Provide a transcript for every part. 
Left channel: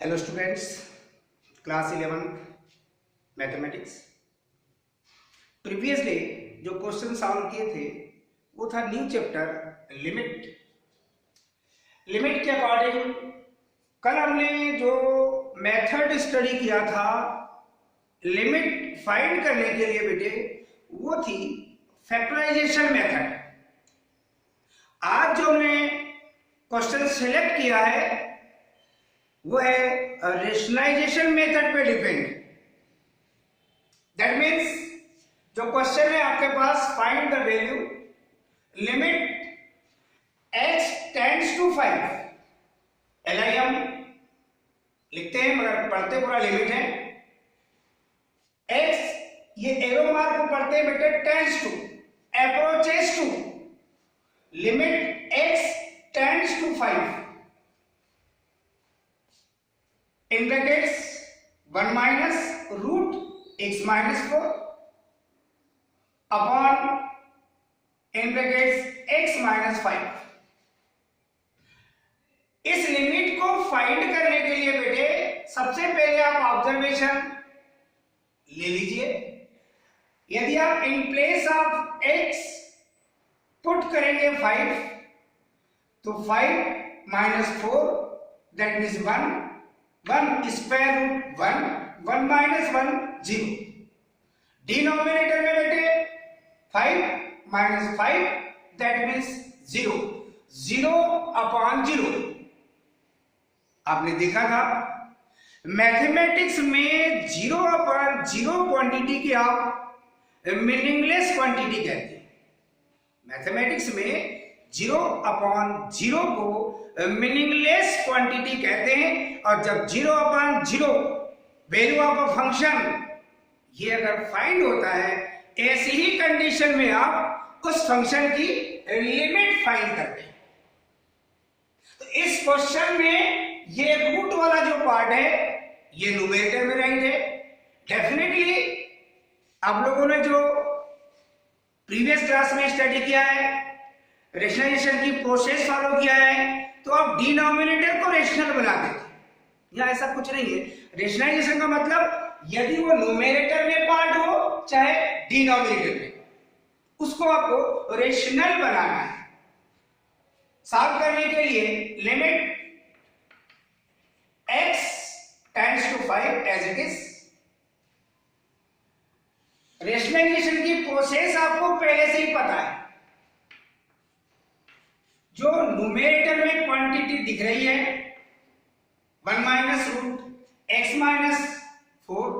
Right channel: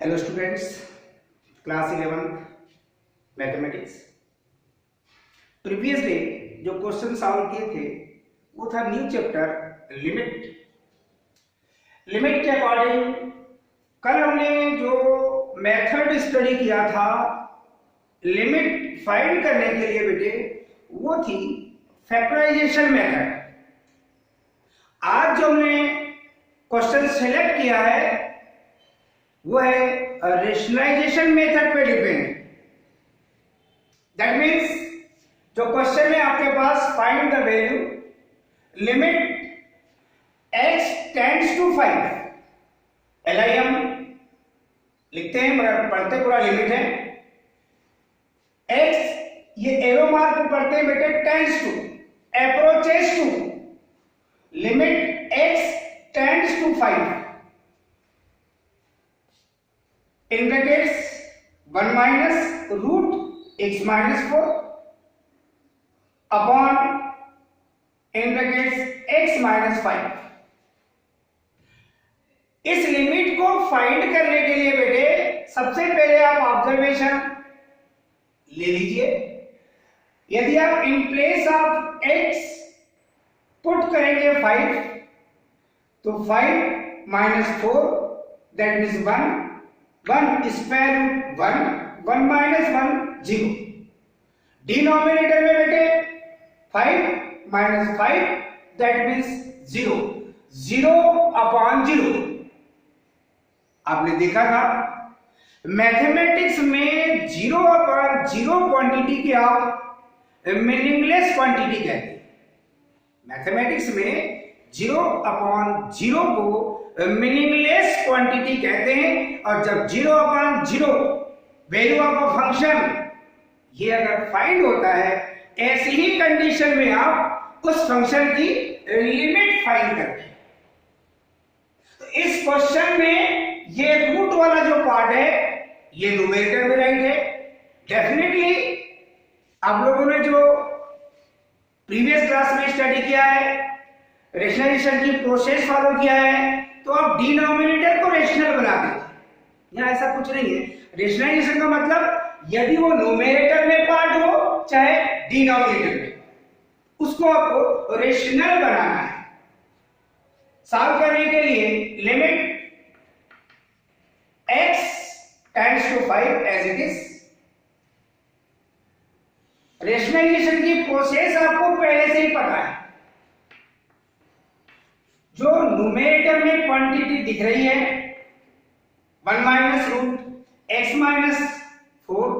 Hello students, class 11 mathematics. Previous day जो question solve किए थे वो था न्यू चैप्टर लिमिट के अकॉर्डिंग। कल हमने जो मेथड स्टडी किया था लिमिट फाइंड करने के लिए बेटे, वो थी फैक्टराइजेशन मेथड। आज जो हमने क्वेश्चन सेलेक्ट किया है वो है रेशनलाइजेशन मेथड पे डिपेंड। दैट मीन्स जो क्वेश्चन है आपके पास, find the value limit x tends to 5। LIM लिखते हैं मगर पढ़ते पूरा लिमिट है। x ये एरो मार्क को पढ़ते हैं बेटे tends to, approaches to. Limit x tends to 5 indicates 1 minus root x minus 4 upon indicates x minus 5। इस लिमिट को फाइंड करने के लिए बेटे सबसे पहले आप ऑब्जर्वेशन ले लीजिए। यदि आप in place of x put करेंगे 5 तो 5 minus 4 that means 1 square root 1 minus 1 0। Denominator में बेटे 5 माइनस 5 दैट मीन्स 0 अपॉन 0। आपने देखा था मैथमेटिक्स में 0 अपॉन 0 क्वांटिटी की आप मीनिंगलेस क्वांटिटी कहते हैं। मैथमेटिक्स में 0 अपॉन 0 को मीनिंगलेस क्वांटिटी कहते हैं। और जब 0 upon 0 value of a function ये अगर फाइंड होता है, ऐसी ही कंडीशन में आप उस फंक्शन की लिमिट फाइंड करते हैं। तो इस क्वेश्चन में ये रूट वाला जो पार्ट है ये न्यूमेरेटर में राइट है। डेफिनेटली आप लोगों ने जो प्रीवियस क्लास में स्टडी किया है, रेशनलाइजेशन की प्रोसेस फॉलो किया है, तो आप डिनोमिनेटर को रेशनल बना देते। यहाँ ऐसा कुछ नहीं है। रेशनलाइजेशन का मतलब यदि वो न्यूमेरेटर में पार्ट हो चाहे डिनोमिनेटर में, उसको आपको रेशनल बनाना है। सॉल्व करने के लिए limit x tends to 5 as it is. Rationalisation की प्रोसेस आपको पहले से ही पता है। जो न्यूमेरेटर में क्वांटिटी दिख रही है 1 minus root x minus 4,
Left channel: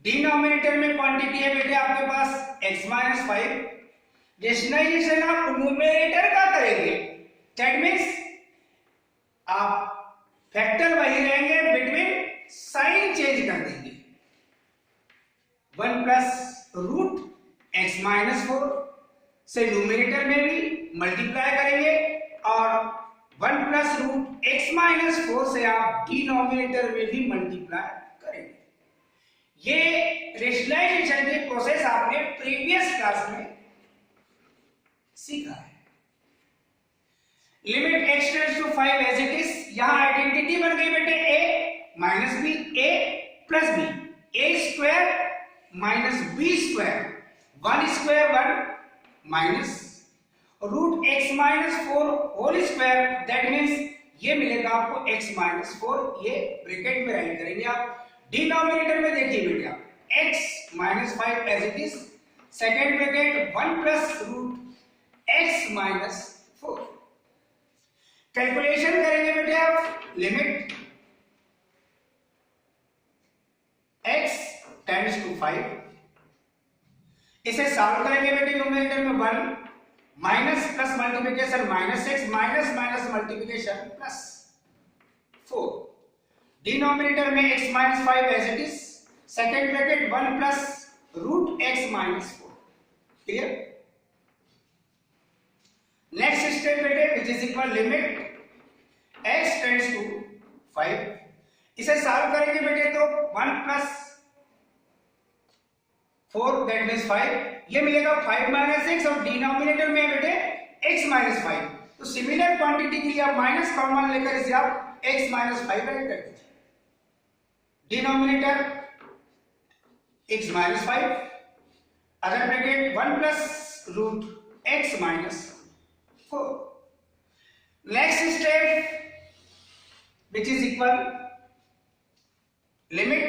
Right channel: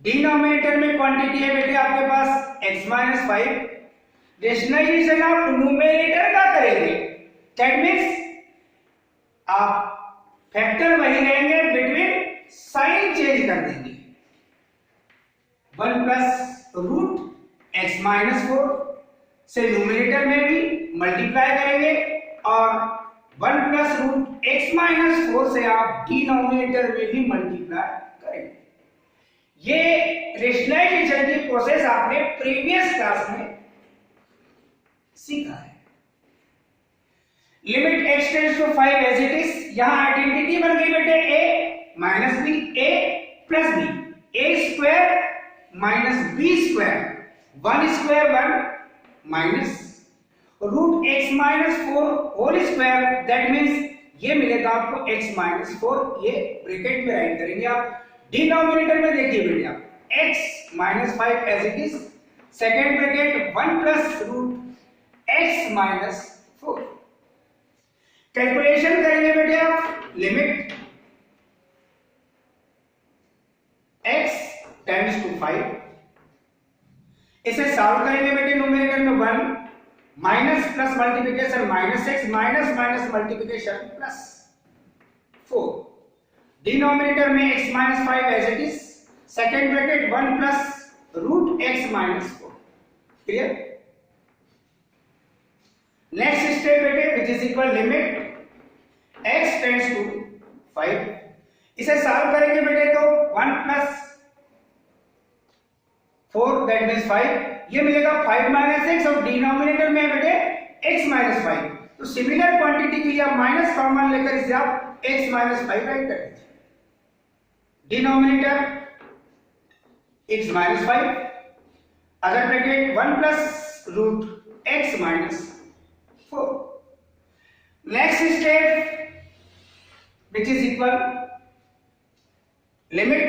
denominator में क्वांटिटी है बेटे आपके पास x माइनस 5। रेशनलाइजेशन आप न्यूमेरेटर का करेंगे, दैट मीन्स आप फैक्टर वही रहेंगे, बिटवीन साइन चेंज कर देंगे। 1 प्लस रूट x माइनस 4 से न्यूमेरेटर में भी मल्टीप्लाई करेंगे और 1 प्लस रूट x माइनस 4 से आप डिनोमिनेटर में भी मल्टीप्लाई करेंगे। ये रेशनलाइजेशन की प्रोसेस आपने प्रीवियस क्लास में सीखा है। Limit x tends to 5 as it is. यहां आइडेंटिटी बन गई बेटे a minus b, a plus b, a square minus b square, 1 square 1 minus root x minus 4 whole square, that means ये मिलेगा आपको x माइनस 4। ये ब्रैकेट में right करेंगे आप। डिनोमिनेटर में देखिए बेटे आप x minus 5 as it is, second bracket 1 plus root x minus 4। Calculation करेंगे बेटे आप लिमिट x टेंड्स टू 5। इसे सॉल्व करेंगे बेटे न्यूमेरेटर में 1 minus plus multiplication minus x minus minus multiplication plus 4। Denominator में x minus 5 as it is, second bracket 1 plus root x minus 4। Clear? Next step बेटे which is equal limit x tends to 5। इसे solve करेंगे बेटे तो 1 plus 4 that means 5, ये मिलेगा 5 minus x और denominator में बेटे x माइनस 5। तो सिमिलर क्वांटिटी के लिए आप माइनस कॉमन लेकर इसे आप x माइनस 5 राइट कर दीजिए, denominator x minus 5, other bracket 1 plus root x minus 4. Next step which is equal limit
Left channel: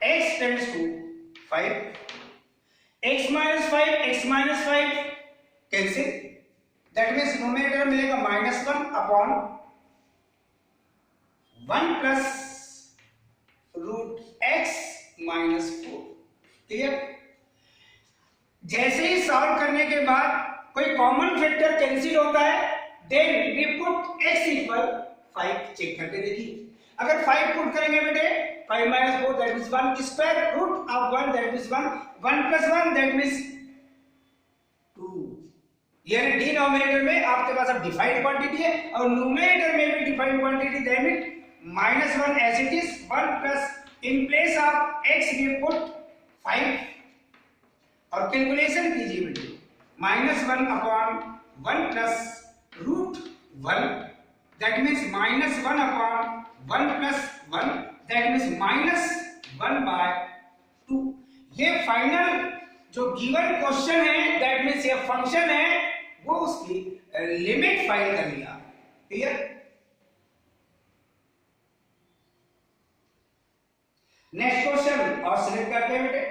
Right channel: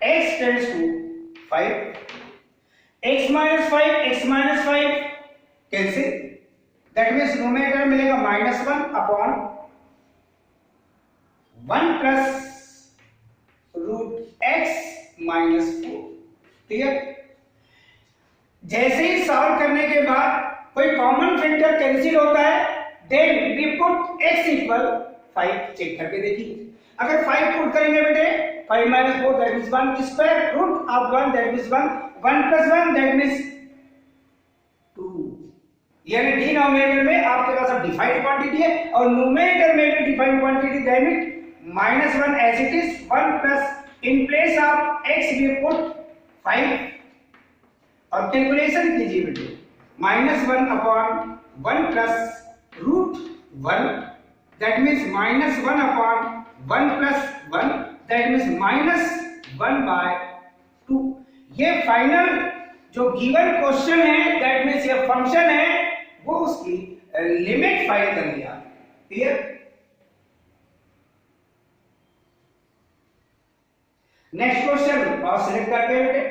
x tends to 5, x minus 5 cancel, that means numerator मिलेगा -1 upon 1 plus root x minus 4. Clear? जैसे ही solve करने के बाद कोई common factor cancel होता है, then we put x equal 5. Check करके देखिए, अगर 5 पुट करेंगे बेटे 5 minus 4 that means 1, square root of 1 that means 1, 1 plus 1 that means 2. यानी डिनोमिनेटर में आपके पास अब डिफाइंड क्वांटिटी है और न्यूमरेटर में भी defined quantity, that means -1 as it is, 1 plus in place of x we put 5 और कैलकुलेशन कीजिए बेटे, -1 upon 1 plus root 1 that means -1 upon 1 plus 1 that means -1/2. ये फाइनल जो गिवन क्वेश्चन है, दैट मींस ये फंक्शन है, वो उसकी लिमिट फाइंड कर लिया. क्लियर? नेक्स्ट क्वेश्चन और सिलेक्ट करते हैं बेटे.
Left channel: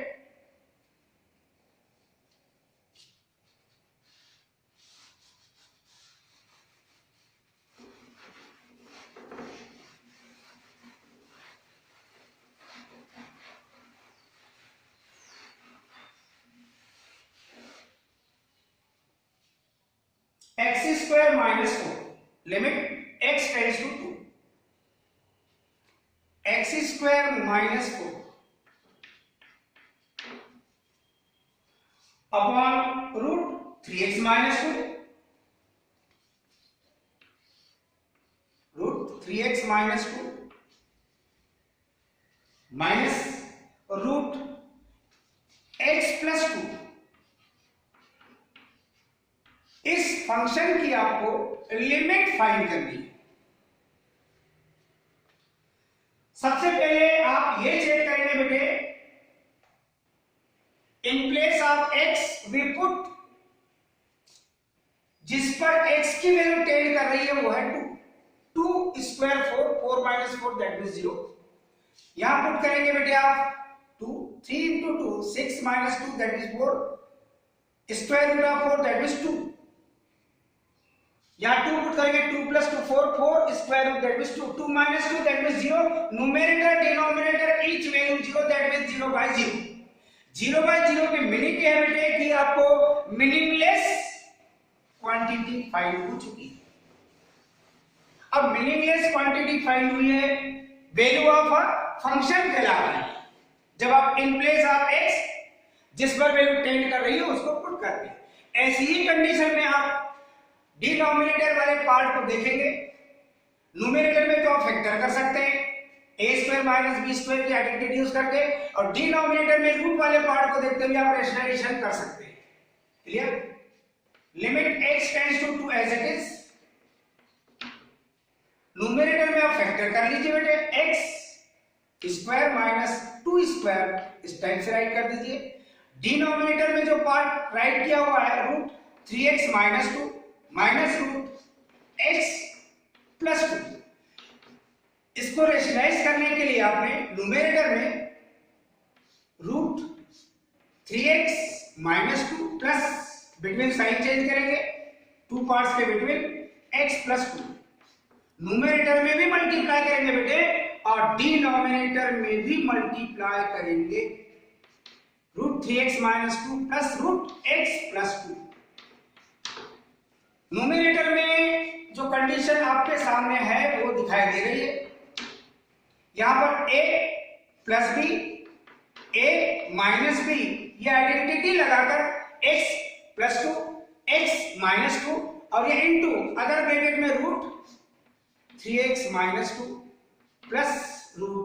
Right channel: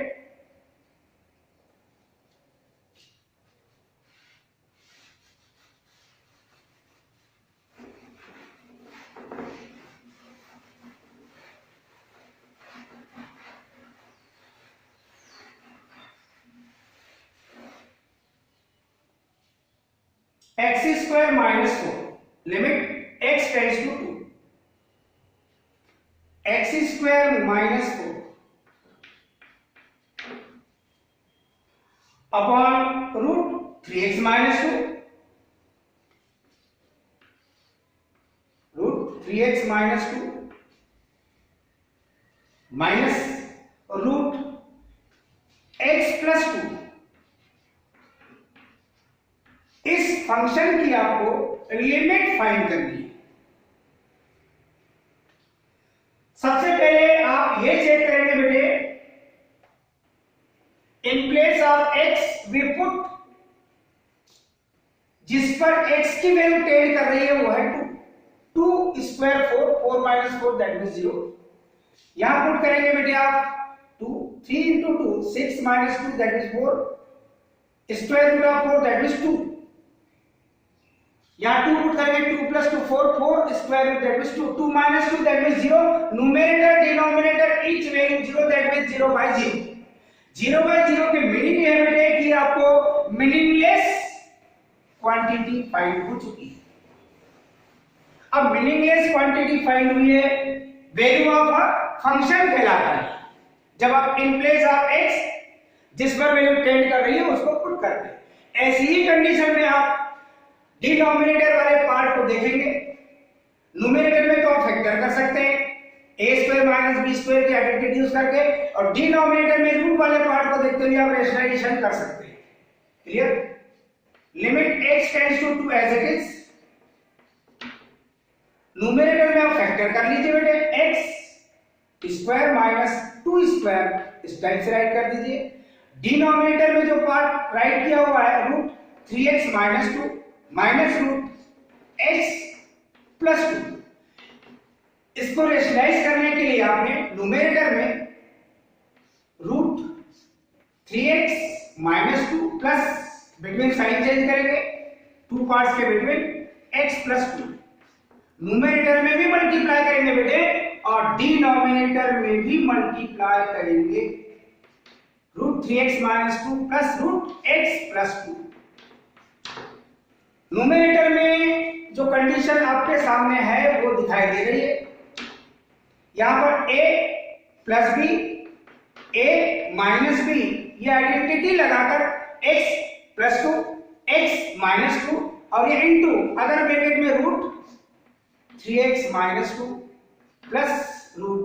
x square minus 4 limit x tends to 2, x square minus 4 upon root 3x minus 2, root 3x minus 2 minus root x plus 2. इस फंक्शन की आपको लिमिट फाइंड करनी है. सबसे पहले आप ये चेक करेंगे बेटे, in place of x we put, जिस पर x की वैल्यू टेंड कर रही है वो है 2. 2 स्क्वायर 4, 4 माइनस 4 दैट मींस 0. यहां पुट करेंगे बेटे आप 2, 3 into 2 6 minus 2 that is 4, square root of 4 that is 2. यहाँ 2 पुट करेंगे 2 plus 2 4, 4 square root that means 2, 2 minus 2 that means 0. numerator denominator each value 0 that means 0/0. 0/0 की मीनिंग है बेटे कि आपको मीनिंगलेस क्वांटिटी फाइंड हो चुकी है. अब मीनिंगलेस क्वांटिटी फाइंड हुई है, वैल्यू ऑफ अ फंक्शन कहलाता है. जब आप इन प्लेस ऑफ x जिस पर वैल्यू टेंड कर रही है उसको पुट करते हैं. ऐसी ही कंडीशन में आप डिनोमिनेटर वाले पार्ट को देखेंगे. न्यूमरेटर में तो आप फैक्टर कर सकते हैं a² माइनस b² की आइडेंटिटी यूज करके, और डिनोमिनेटर में रूट वाले पार्ट को देखते हुए आप रेशनलाइजेशन कर सकते हैं. Clear? Limit x tends to 2 as it is. Numerator में आप फैक्टर कर लीजिए बेटे, x² माइनस 2² इस टाइप से राइट कर दीजिए. डिनोमिनेटर में जो पार्ट राइट किया हुआ है root 3x minus 2 minus root x plus 2, इसको रेशनलाइज करने के लिए आपने न्यूमरेटर में root 3x minus 2 plus between sign change करेंगे, 2 पार्ट्स के बिटवीन x प्लस 2. न्यूमरेटर में भी मल्टीप्लाई करेंगे बेटे और डिनोमिनेटर में भी मल्टीप्लाई करेंगे root 3x minus 2 plus root x plus 2. Numerator में जो कंडीशन आपके सामने है वो दिखाई दे रही है. यहां पर a plus b, a minus b, ये आइडेंटिटी लगाकर x प्लस 2, x माइनस 2 और ये इनटू अदर ब्रैकेट में root 3x minus 2 plus root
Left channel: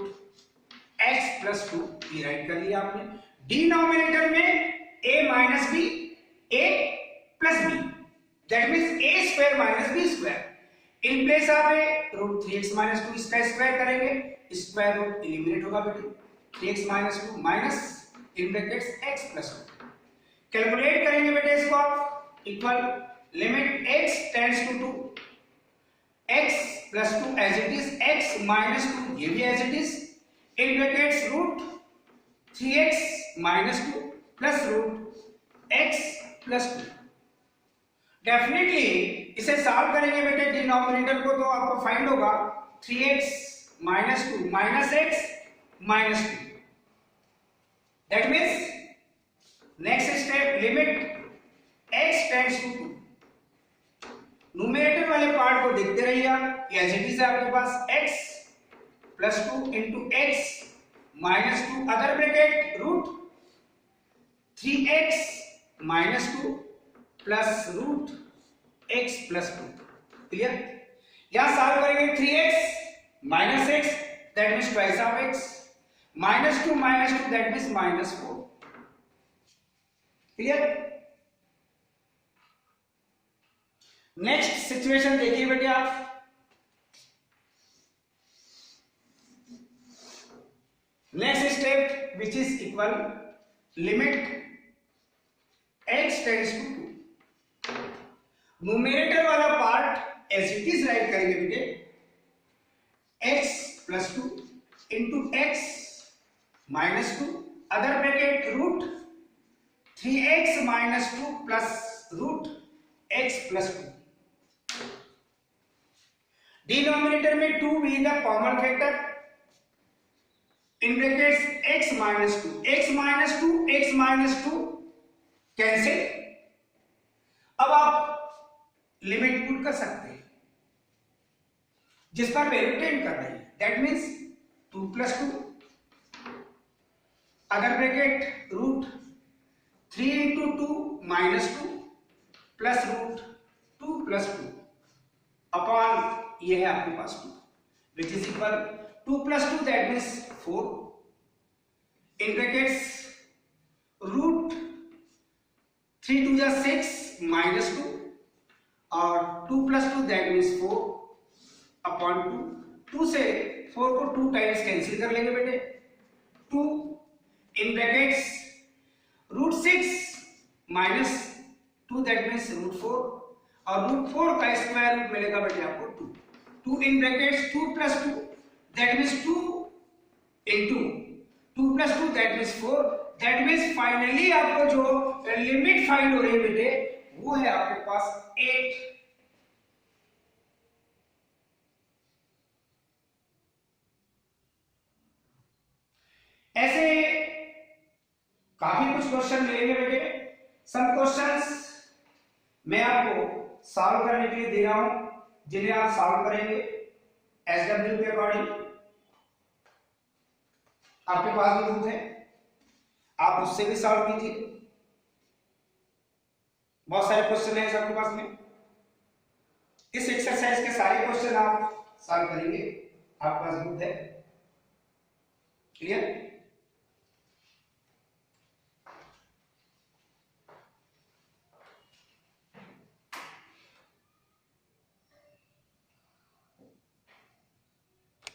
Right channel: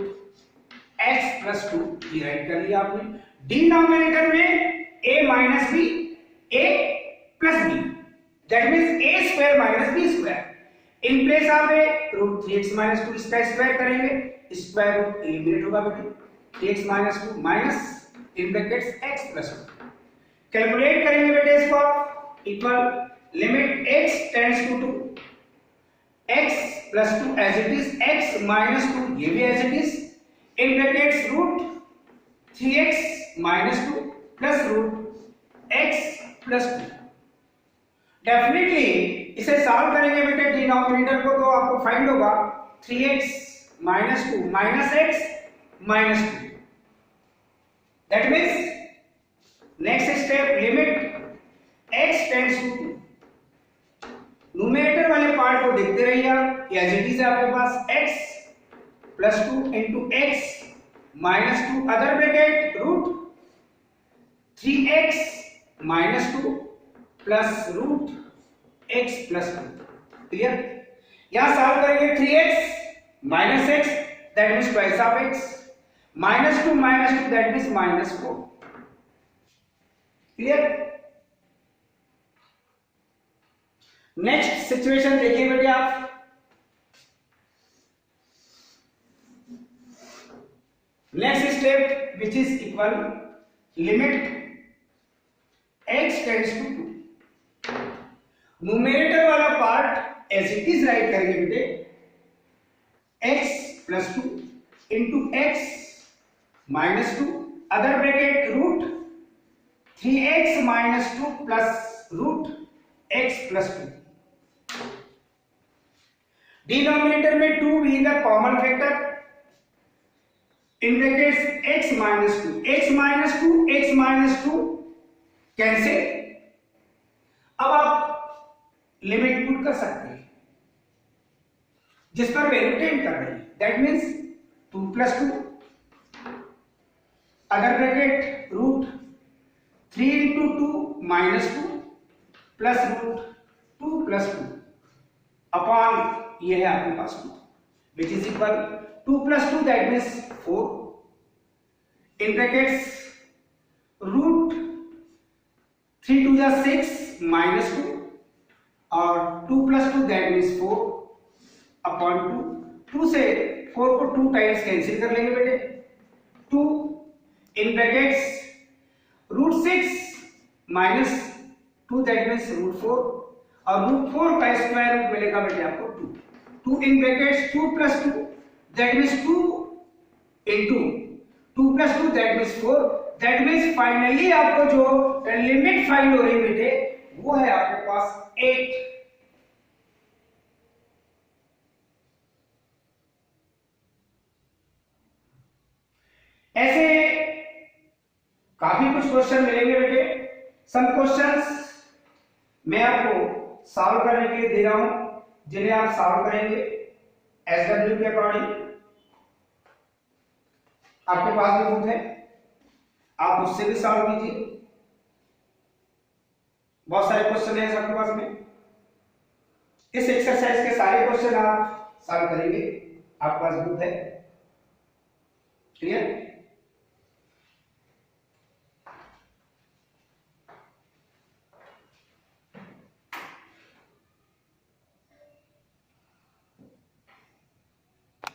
x plus 2 ये राइट कर लिया आपने. डिनोमिनेटर में a minus b, a plus b, that means a square minus b square. In place आप root 3x minus 2 इसका स्क्वायर करेंगे, square root eliminate होगा बेटे, 3x minus 2 minus in brackets x plus 2। Calculate करेंगे बेटे इसको आप, equal limit x tends to 2 x plus 2 as it is, x minus 2 ये भी as it is, in brackets root 3x minus 2 plus root x plus 2। Definitely इसे solve करेंगे बेटे denominator को, तो आपको फाइंड होगा 3x minus 2 minus x minus 2। That means next step limit x tends to 2। Numerator वाले पार्ट को देखते रहिए आप, एज इट इज आपके पास x plus 2 into x minus 2 other bracket root 3x minus 2 plus root x plus 2। Clear? यहां solve करेंगे 3x minus x that means twice of x, minus 2 that means minus 4। Clear? Next situation देखिए बेटे आप, next step which is equal limit x tends to 2। Numerator वाला part as it is write करेंगे बेटे, x plus 2 into x minus 2 other bracket root 3x minus 2 plus root x plus 2। Denominator में 2 भी the common factor, in brackets x minus 2 x minus 2 cancel. अब आप limit put कर सकते हैं जिस पर वैल्यू टेंड कर रही है, that means 2 plus 2 other bracket root 3 into 2 minus 2 plus root 2 plus 2 upon ये है आपके पास 2 which is equal 2 plus 2 that means 4 in brackets root 3 2 जा 6 माइनस 2 और 2 प्लस 2 दैट मीन्स 4 अपॉन 2 से 4 को 2 टाइम्स कैंसिल कर लेंगे बेटे, 2 in brackets root 6 minus 2 that means root 4 और रूट 4 का स्क्वायर रूट मिलेगा बेटे आपको 2 in brackets 2 plus 2 that means 2 into 2 plus 2 that means 4। That means finally आपको जो लिमिट फाइंड हो रही है बेटे वो है आपके पास 8। ऐसे काफी कुछ क्वेश्चन मिलेंगे बेटे, सम क्वेश्चंस मैं आपको सॉल्व करने के लिए दे रहा हूं जिन्हें आप सॉल्व करेंगे SW के अकॉर्डिंग। आपके पास भी बुक है, आप उससे भी सॉल्व कीजिए, बहुत सारे क्वेश्चन है आपके पास में। इस एक्सरसाइज के सारे क्वेश्चन आप सॉल्व करेंगे, आपके पास बुक है। क्लियर?